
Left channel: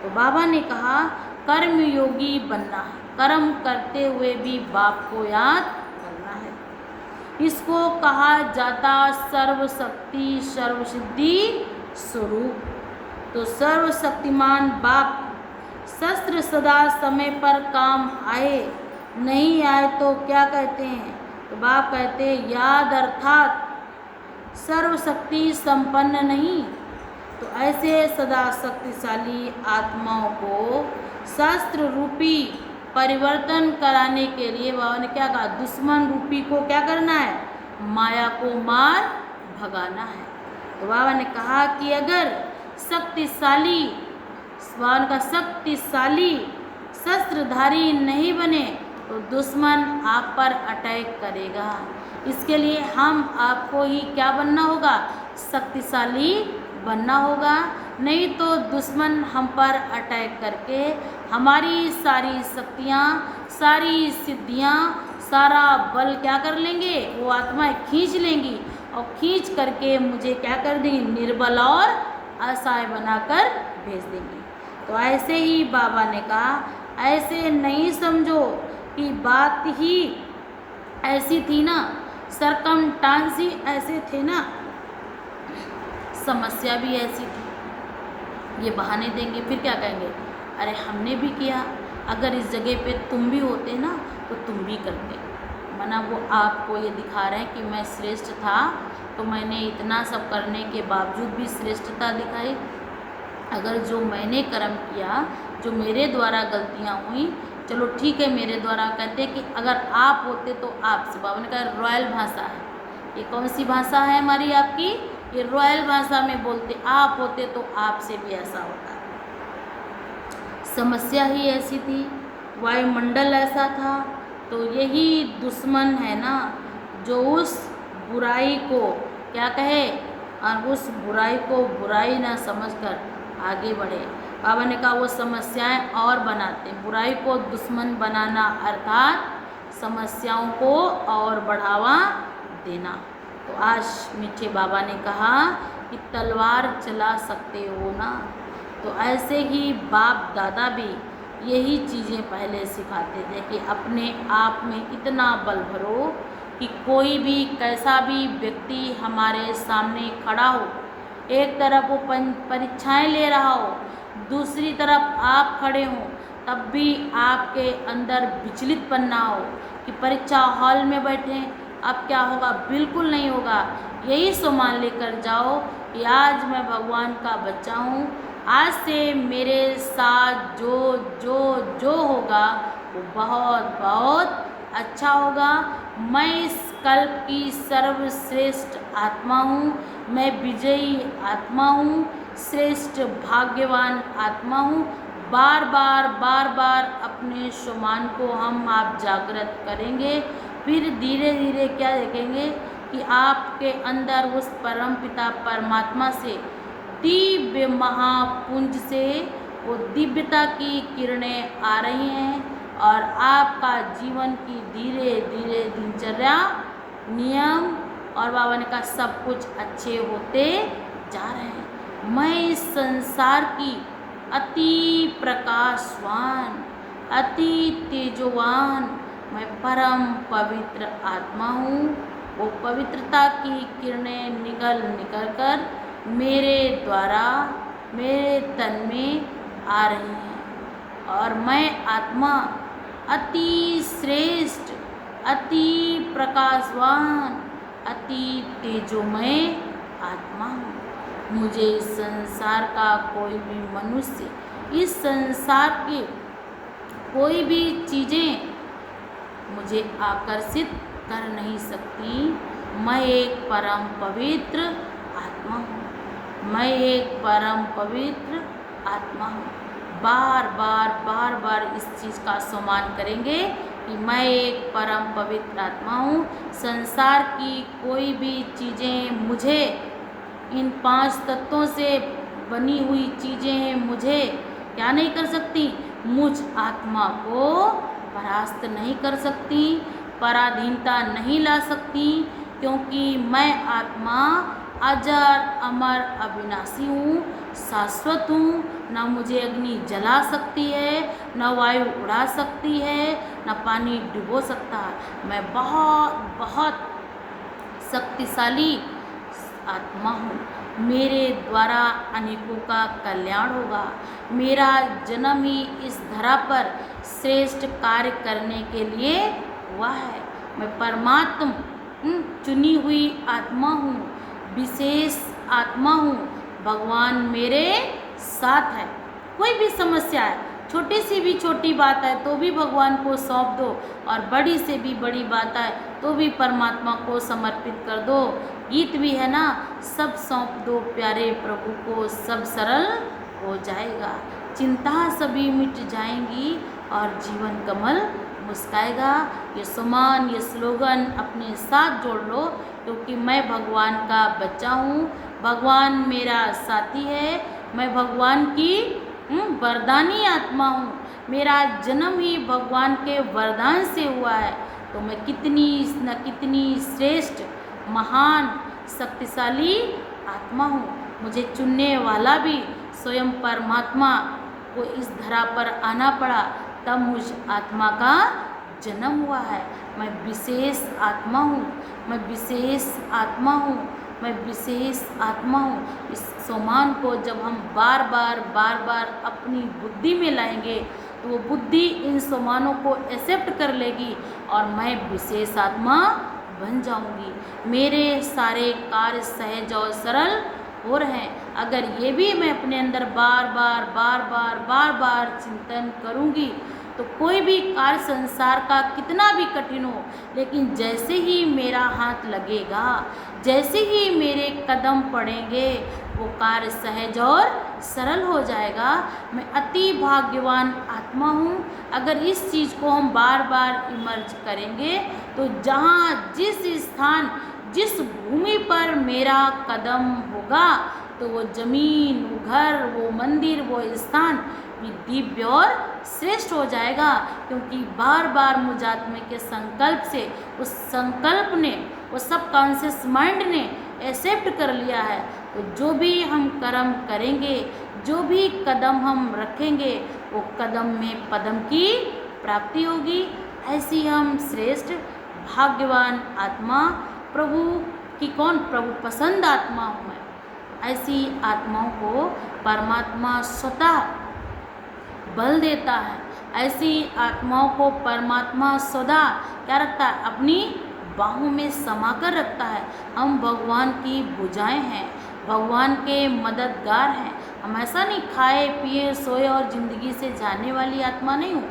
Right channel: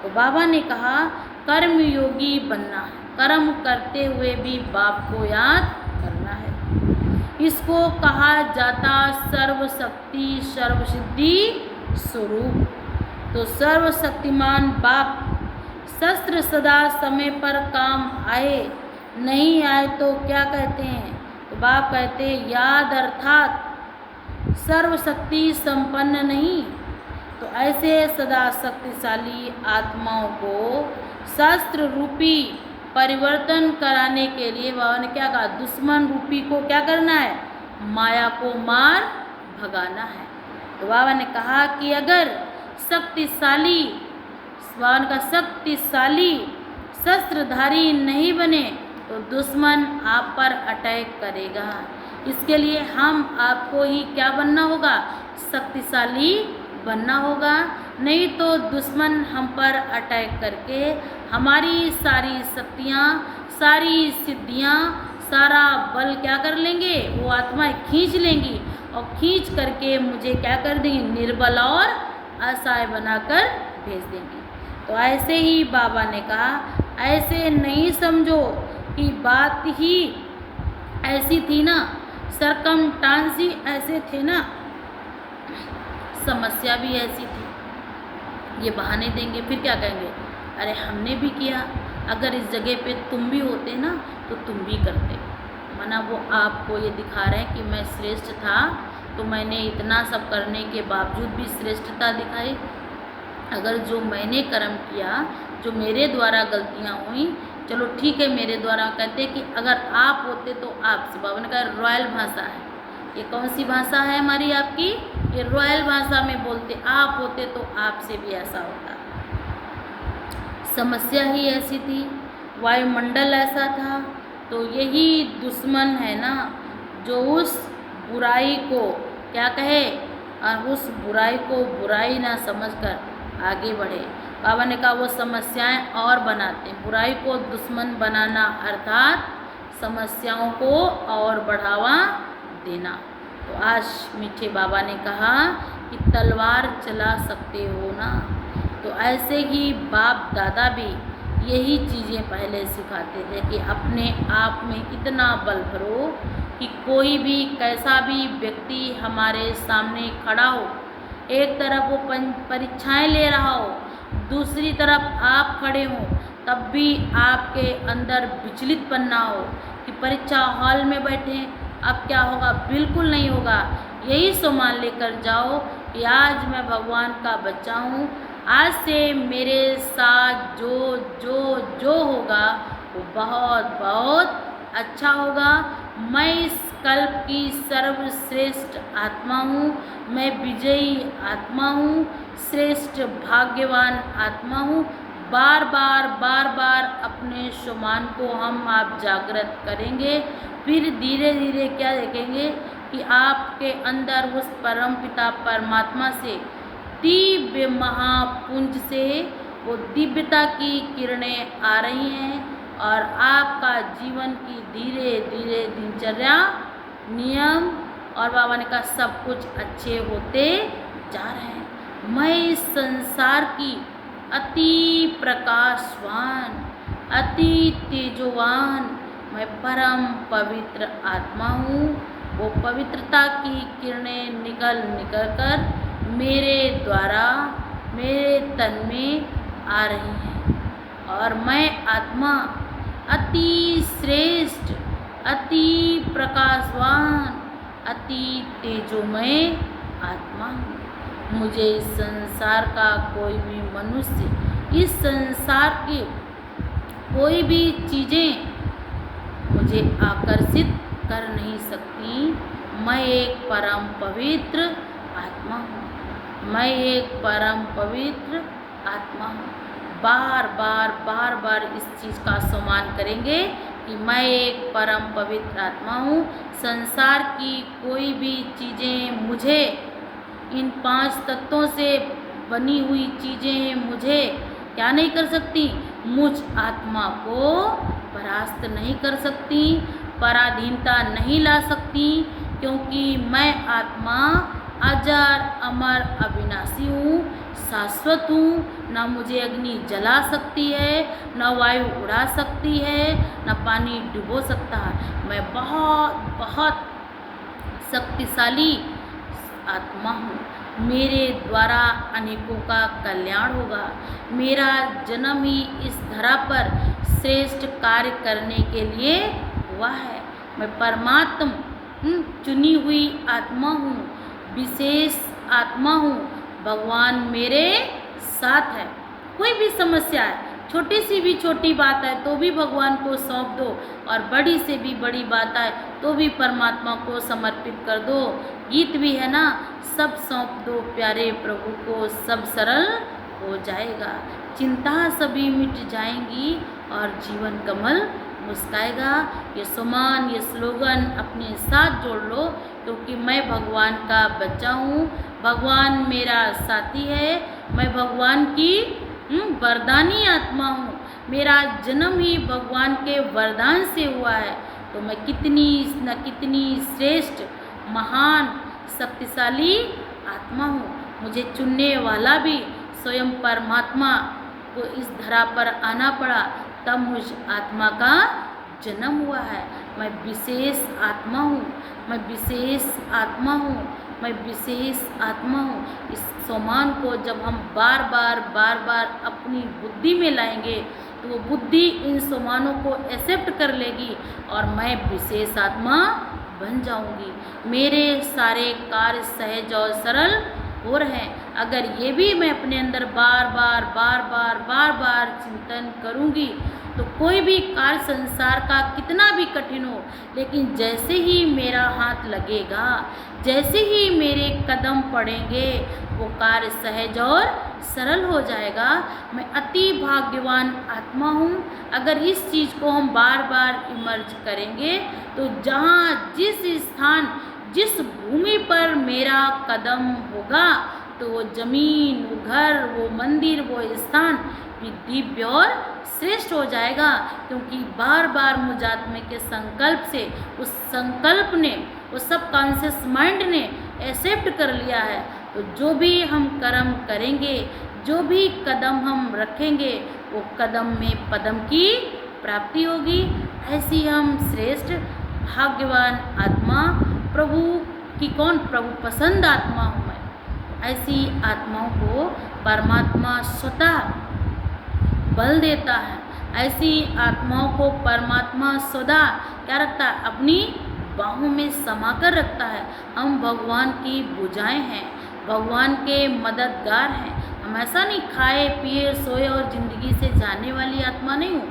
तो बाबा ने कहा कर्मयोगी बनना है, कर्म करते हुए भी बाप को याद करना है। इसको कहा जाता सर्वशक्ति सर्वसिद्धि स्वरूप। तो सर्वशक्तिमान बाप शस्त्र सदा समय पर काम आए, नहीं आए तो क्या कहते हैं, तो बाप कहते हैं याद अर्थात सर्वशक्ति संपन्न नहीं। तो ऐसे सदा शक्तिशाली आत्माओं को शास्त्र रूपी परिवर्तन कराने के लिए बाबा ने क्या कहा, दुश्मन रूपी को क्या करना है, माया को मार भगाना है। तो बाबा ने कहा कि अगर शक्तिशाली, भगवान का शक्तिशाली शस्त्रधारी नहीं बने तो दुश्मन आप पर अटैक करेगा। इसके लिए हम आपको ही क्या बनना होगा, शक्तिशाली बनना होगा, नहीं तो दुश्मन हम पर अटैक करके हमारी सारी शक्तियाँ, सारी सिद्धियाँ, सारा बल क्या कर लेंगे, वो आत्माएं खींच लेंगी और खींच करके मुझे क्या कर देंगी, निर्बल और असहाय बनाकर भेज देंगी। तो ऐसे ही बाबा ने कहा, ऐसे नहीं समझो कि बात ही ऐसी थी ना, सरकमस्टांस ही ऐसे थे ना, समस्या भी ऐसी थी। ये बहाने देंगे, फिर क्या कहेंगे, अरे हमने भी किया, अगर इस जगह पे तुम भी होते ना तो तुम भी करते। माना वो आपको ये दिखा रहे हैं कि मैं श्रेष्ठ था, तो मैंने इतना सब करने के बावजूद भी श्रेष्ठता दिखाई। अगर जो मैंने कर्म किया, जो मेरे द्वारा गलतियाँ हुई, चलो ठीक है, मेरे द्वारा कहते कि अगर आप होते तो आपसे, बाबा ने कहा रॉयल भाषा है, ये कौन सी भाषा है हमारी आपकी, ये रॉयल भाषा में बोलते, आप होते तो आपसे भी ऐसा होता। समस्या ही ऐसी थी, वायुमंडल ऐसा था, तो यही दुश्मन है ना जो उस बुराई को क्या कहे और उस बुराई को बुराई ना समझकर आगे बढ़े। बाबा ने कहा वो समस्याएं और बनाते, बुराई को दुश्मन बनाना अर्थात समस्याओं को और बढ़ावा देना। तो आज मीठे बाबा ने कहा कि तलवार चला सकते हो ना, तो ऐसे ही बाप दादा भी यही चीज़ें पहले सिखाते थे कि अपने आप में इतना बल भरो कि कोई भी कैसा भी व्यक्ति हमारे सामने खड़ा हो, एक तरफ वो परीक्षाएं ले रहा हो, दूसरी तरफ आप खड़े हों, तब भी आपके अंदर विचलितपन ना हो कि परीक्षा हॉल में बैठे अब क्या होगा, बिल्कुल नहीं होगा। यही सम्मान लेकर जाओ कि आज मैं भगवान का बच्चा हूँ, आज से मेरे साथ जो जो जो होगा वो बहुत बहुत अच्छा होगा। मैं इस कल्प की सर्वश्रेष्ठ आत्मा हूँ, मैं विजयी आत्मा हूँ, श्रेष्ठ भाग्यवान आत्मा हूँ। बार बार अपने सम्मान को हम आप जागृत करेंगे, फिर धीरे धीरे क्या देखेंगे कि आपके अंदर उस परम पिता परमात्मा से दिव्य महापुंज से वो दिव्यता की किरणें आ रही हैं और आपका जीवन की धीरे धीरे दिनचर्या, नियम और बाबा ने कहा सब कुछ अच्छे होते जा रहे हैं। मैं इस संसार की अति प्रकाशवान, अति तेजोवान, मैं परम पवित्र आत्मा हूँ। वो पवित्रता की किरणें निकल कर मेरे द्वारा मेरे तन में आ रही हैं और मैं आत्मा अति श्रेष्ठ, अति प्रकाशवान, अति तेजोमय आत्मा हूँ। मुझे इस संसार का कोई भी मनुष्य, इस संसार के कोई भी चीज़ें मुझे आकर्षित कर नहीं सकती। मैं एक परम पवित्र आत्मा हूँ, मैं एक परम पवित्र आत्मा हूँ। बार बार इस चीज़ का सम्मान करेंगे कि मैं एक परम पवित्र आत्मा हूँ। संसार की कोई भी चीज़ें मुझे, इन 5 तत्वों से बनी हुई चीज़ें मुझे क्या नहीं कर सकती, मुझ आत्मा को परास्त नहीं कर सकती, पराधीनता नहीं ला सकती, क्योंकि मैं आत्मा अजर अमर अविनाशी हूँ, शाश्वत हूँ। न मुझे अग्नि जला सकती है, न वायु उड़ा सकती है, न पानी डुबो सकता है। मैं बहुत बहुत शक्तिशाली आत्मा हूँ। मेरे द्वारा अनेकों का कल्याण होगा। मेरा जन्म ही इस धरा पर श्रेष्ठ कार्य करने के लिए हुआ है। मैं परमात्मा चुनी हुई आत्मा हूँ, विशेष आत्मा हूँ। भगवान मेरे साथ है। कोई भी समस्या है छोटी सी भी छोटी बात है तो भी भगवान को सौंप दो, और बड़ी से भी बड़ी बात है तो भी परमात्मा को समर्पित कर दो। गीत भी है ना, सब सौंप दो प्यारे प्रभु को, सब सरल हो जाएगा, चिंता सभी मिट जाएंगी और जीवन कमल मुस्काएगा। ये सुमान, ये स्लोगन अपने साथ जोड़ लो, क्योंकि मैं भगवान का बच्चा हूँ, भगवान मेरा साथी है, मैं भगवान की वरदानी आत्मा हूँ, मेरा जन्म ही भगवान के वरदान से हुआ है। तो मैं कितनी श्रेष्ठ, महान, शक्तिशाली आत्मा हूँ। मुझे चुनने वाला भी स्वयं परमात्मा को इस धरा पर आना पड़ा, तब मुझ आत्मा का जन्म हुआ है। मैं विशेष आत्मा हूँ, मैं विशेष आत्मा हूँ, मैं विशेष आत्मा हूँ। इस सम्मान को जब हम बार बार अपनी बुद्धि में लाएंगे तो वो बुद्धि इन सम्मानों को एक्सेप्ट कर लेगी और मैं विशेष आत्मा बन जाऊंगी। मेरे सारे कार्य सहज और सरल हो रहे हैं। अगर ये भी मैं अपने अंदर बार बार चिंतन करूंगी तो कोई भी कार्य संसार का कितना भी कठिन हो, लेकिन जैसे ही मेरा हाथ लगेगा, जैसे ही मेरे कदम पड़ेंगे, वो कार्य सहज और सरल हो जाएगा। मैं अति भाग्यवान आत्मा हूँ। अगर इस चीज़ को हम बार बार इमर्ज करेंगे तो जहाँ जिस स्थान, जिस भूमि पर मेरा कदम होगा, तो वो जमीन, वो घर, वो मंदिर, वो स्थान भी दिव्य और श्रेष्ठ हो जाएगा। क्योंकि बार बार मुझ आत्मा के संकल्प से, उस संकल्प ने, उस सबकॉन्शियस माइंड ने एक्सेप्ट कर लिया है। तो जो भी हम कर्म करेंगे, जो भी कदम हम रखेंगे, वो कदम में पदम की प्राप्ति होगी। ऐसी हम श्रेष्ठ भाग्यवान आत्मा, प्रभु की प्रभु पसंद आत्मा हूँ मैं। ऐसी आत्माओं को परमात्मा स्वतः बल देता है। ऐसी आत्माओं को परमात्मा सदा क्या रखता है? अपनी बाहों में समा कर रखता है। हम भगवान की भुजाएं हैं, भगवान के मददगार हैं। हम ऐसा नहीं खाए पिए सोए और ज़िंदगी से जाने वाली आत्मा नहीं हूँ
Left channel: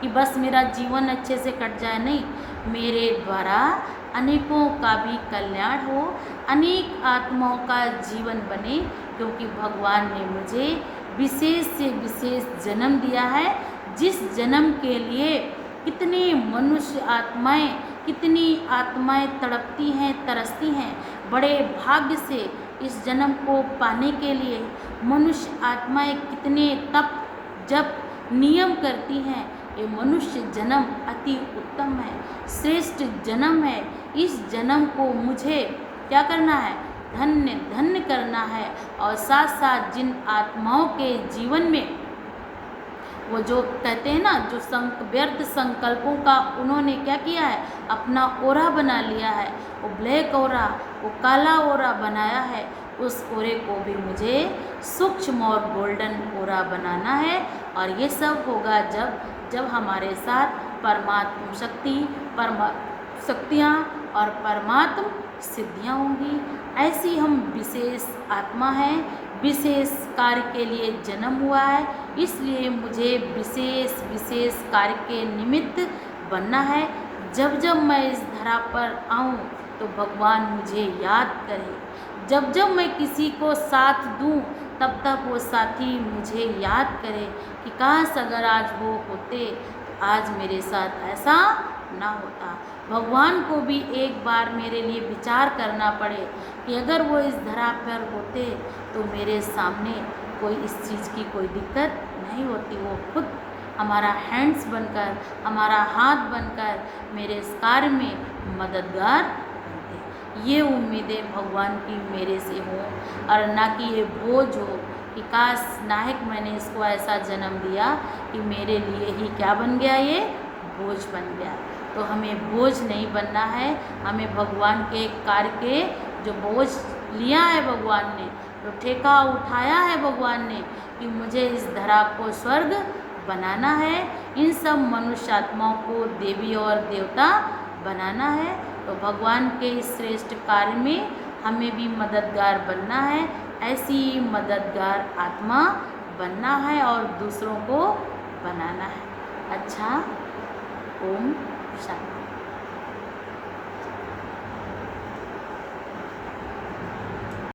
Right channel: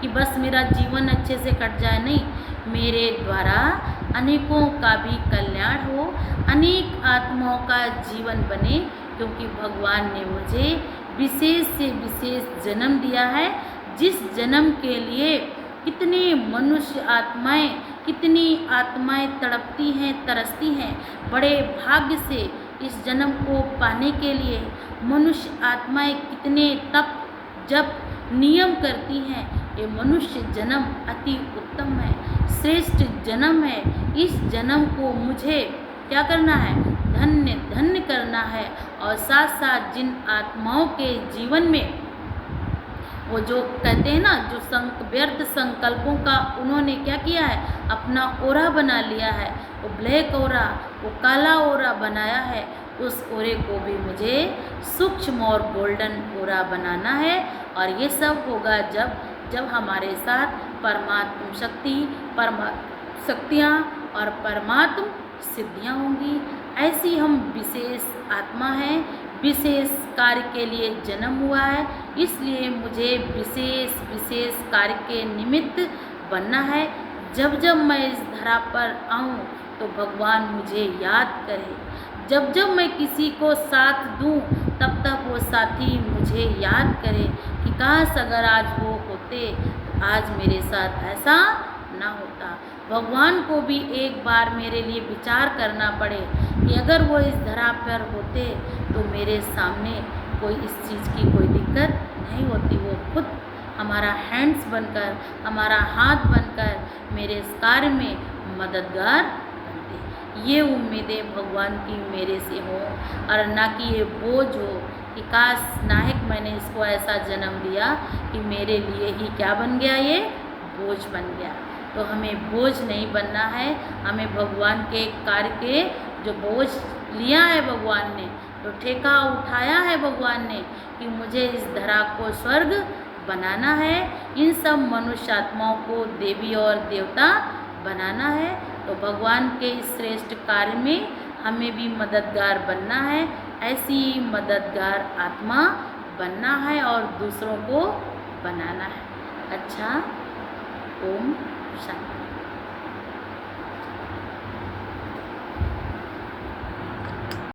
कि बस मेरा जीवन अच्छे से कट जाए। नहीं, मेरे द्वारा अनेकों का भी कल्याण हो, अनेक आत्माओं का जीवन बने, क्योंकि भगवान ने मुझे विशेष से विशेष जन्म दिया है, जिस जन्म के लिए कितने मनुष्य आत्माएं, कितनी आत्माएं तड़पती हैं, तरसती हैं। बड़े भाग्य से इस जन्म को पाने के लिए मनुष्य आत्माएं कितने तप जप नियम करती हैं। ये मनुष्य जन्म अति उत्तम है, श्रेष्ठ जन्म है। इस जन्म को मुझे क्या करना है? धन्य धन्य करना है। और साथ साथ जिन आत्माओं के जीवन में वो जो कहते हैं ना, जो व्यर्थ संकल्पों का उन्होंने क्या किया है? अपना ओरा बना लिया है। वो ब्लैक ओरा, वो काला ओरा बनाया है। उस ओरे को भी मुझे सूक्ष्म और गोल्डन ओरा बनाना है। और ये सब होगा जब हमारे साथ परमात्म शक्ति, शक्तियाँ और परमात्म सिद्धियाँ होंगी। ऐसी हम विशेष आत्मा हैं, विशेष कार्य के लिए जन्म हुआ है, इसलिए मुझे विशेष कार्य के निमित्त बनना है। जब मैं इस धरा पर आऊँ तो भगवान मुझे याद करे। जब मैं किसी को साथ दूँ तब वो साथी मुझे याद करे कि काश अगर आज वो होते तो आज मेरे साथ ऐसा ना होता। भगवान को भी एक बार मेरे लिए विचार करना पड़े कि अगर वो इस धरा पर होते तो मेरे सामने कोई इस चीज़ की कोई दिक्कत नहीं होती। वो खुद हमारा हैंड्स बनकर, हमारा हाथ बनकर मेरे इस कार्य में मददगार बनते। ये उम्मीदें भगवान की मेरे से हों, और ना कि ये बोझ हो कि काश नायक मैंने इसको ऐसा जन्म दिया कि मेरे लिए ही क्या बन गया, ये बोझ बन गया। तो हमें बोझ नहीं बनना है। हमें भगवान के कार्य के जो बोझ लिया है भगवान ने, तो ठेका उठाया है भगवान ने कि मुझे इस धरा को स्वर्ग बनाना है, इन सब मनुष्य आत्माओं को देवी और देवता बनाना है। तो भगवान के इस श्रेष्ठ कार्य में हमें भी मददगार बनना है। ऐसी मददगार आत्मा बनना है और दूसरों को बनाना है। अच्छा, ओम शांति।